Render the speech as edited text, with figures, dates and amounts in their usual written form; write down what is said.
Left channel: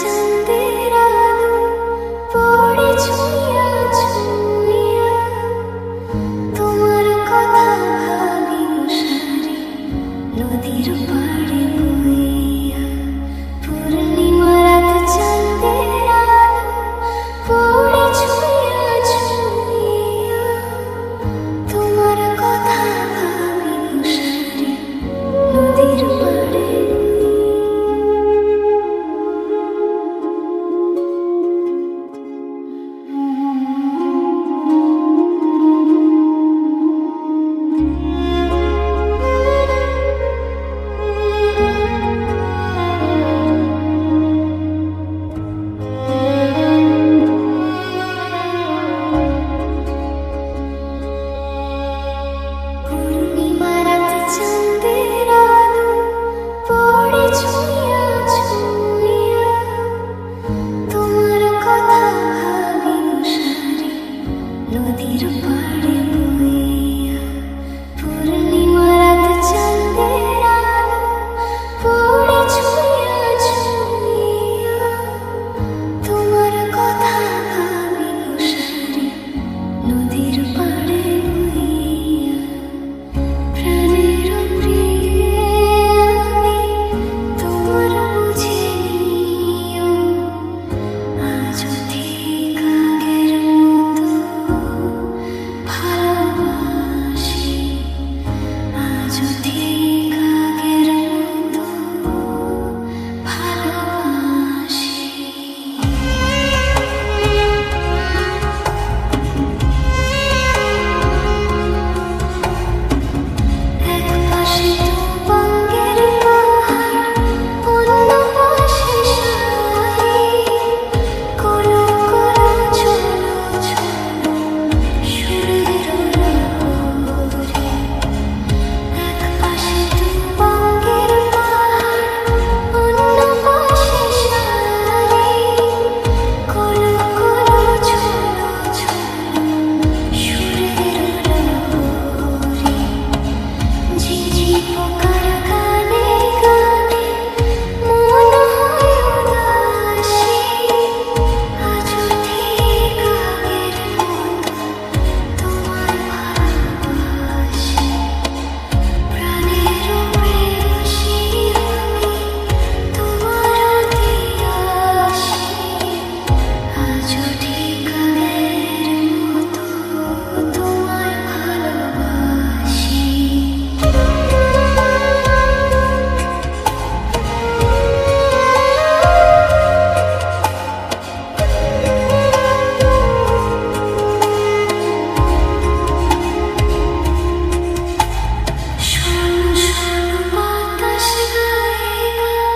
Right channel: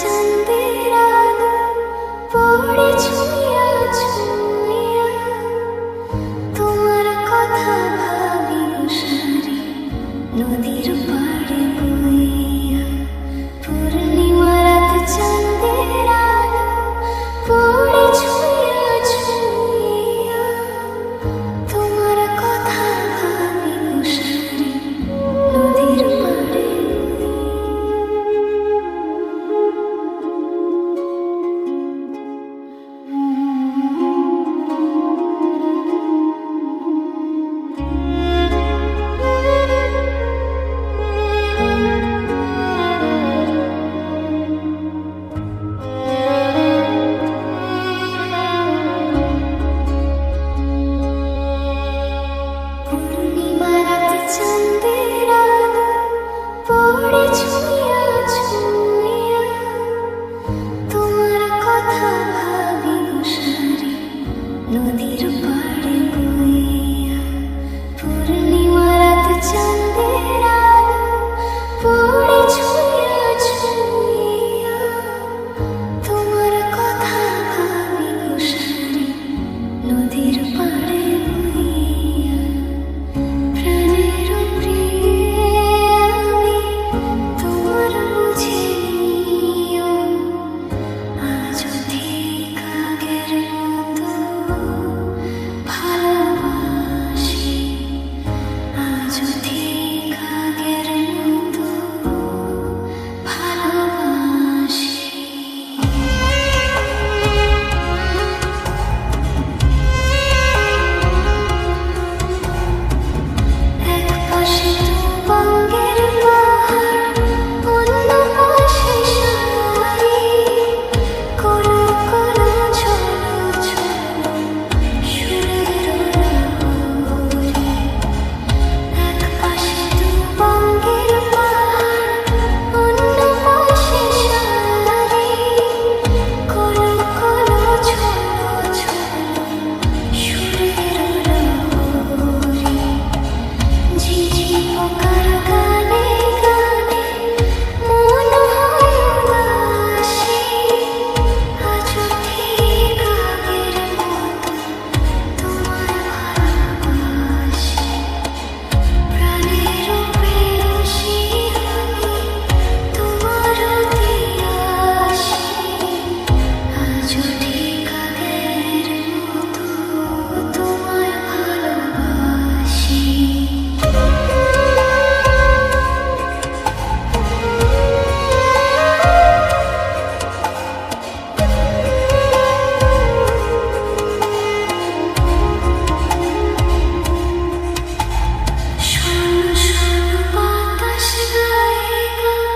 চাঁদের আলো পড়ে ছুঁইয়া ছুঁইয়া, তোমার কথা ভাবি গো সারি নদীর পাড়ে বইয়া। পূর্ণিমা রাত চাঁদের আলো পড়ে ছুঁইয়া ছুঁইয়া, তোমার কথা ভাবি গো সারি নদীর পাড়ে। পূর্ণিমা রাত চাঁদের আলো পড়ে ছুঁইয়া ছুঁইয়া, তোমার কথা ভাবি গো সারি নদীর পাড়ে বইয়া। পূর্ণিমা রাত চাঁদের আলো পড়ে ছুঁইয়া ছুঁইয়া, তোমার কথা ভাবি গো সারি নদীর পাড়ে বইয়া। প্রাণের প্রিয়ে আমি তোমার বুঝে নিও, আজও ঠিক আগের মতো ভালোবাসি, আজও ঠিক আগের মতো ভালোবাসি। এক পাশে তুঙ্গের পাহাড়, অন্য পাশে সারি, কলো কলো চলো চলো সুরের লহরে। এক পাশে তুঙ্গের পাহাড়, অন্য পাশে সারি, কলো কলো চলো চলো সুরের লহরে। ঝিঝি পোকার গানে গানে মন হয় উদাসী, আজও ঠিক আগের মতো তোমায় ভালোবাসি। প্রাণের প্রেয়সী আমি তোমার দিয়াসি, আজও ঠিক আগের মতো তোমায় ভালোবাসি। শোনো শোনো বাতাস গায়ে গান,